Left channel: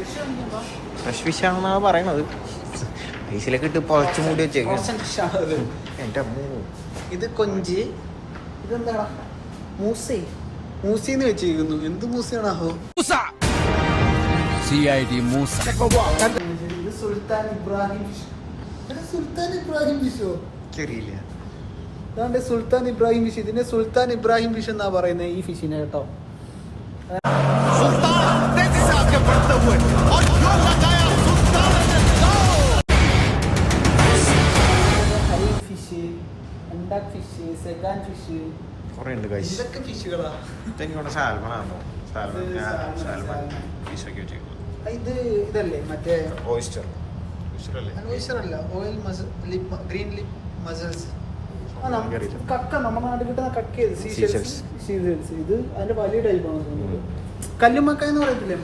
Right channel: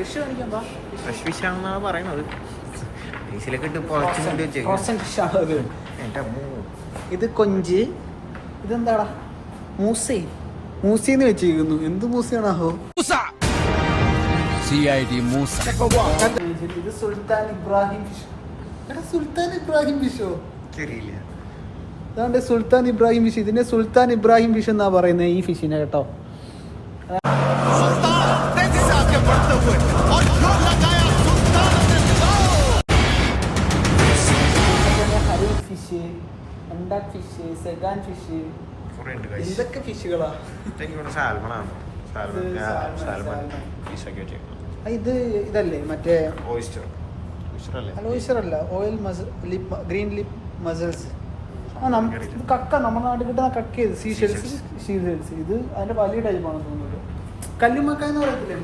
Fresh fish ആണെന്നാണ് പറയണത്. ഐസിലൊക്കെ ഇട്ട് പൊറച്ചു മൂടി വെച്ചേക്കും. എൻ്റെ അമ്മൂ. ഇത് കൊഞ്ച്. ഇതെന്താടാ? മൂസിന്ന് വെച്ചിരിക്കുന്നു. എന്ത് മൂസയാണോ? ഇത് സുൽത്താൻ ഇബ്രാഹിം ഫിഷ്. സുൽത്താൻ ഇബ്രാഹിം ഫിഷോ? ചെറിയില്ല. അതാണ്ട് സുൽത്താൻ ഇബ്രാഹിം ഫിഷ്. ഇതിനെ സുൽത്താൻ ഇബ്രാഹിം ഫിഷ് എന്നാ പറയുന്നത് ഈ ഫിഷിനെ കേട്ടോ. ഫിഷ്, അണ്ടാക് ഫിഷ്, സെഗാൻ ഫിഷ്, ഇതൊക്കെ ഫിഷുകളാ. സാൽമണാണോ? സാൽമൺ ഫിഷൊക്കെ വെച്ചേക്കുന്നത്. ഇത് ഇതല്ലേ മറ്റേ ഓയിസ്റ്റർ അല്ല, ഓയിൽ ഗ്രീൻ ലിപ് മസിൽസ്. കക്ക നമ്മുടെ നാട്ടിൽ കിട്ടുന്ന കക്ക. സീഷെൽസ്. ഇത് അതിന്റെ വലിയ ടൈപ്പാണ് തോന്നുന്നത്. കല്ലുമക്ക എന്ന് പറയത്തില്ലേ?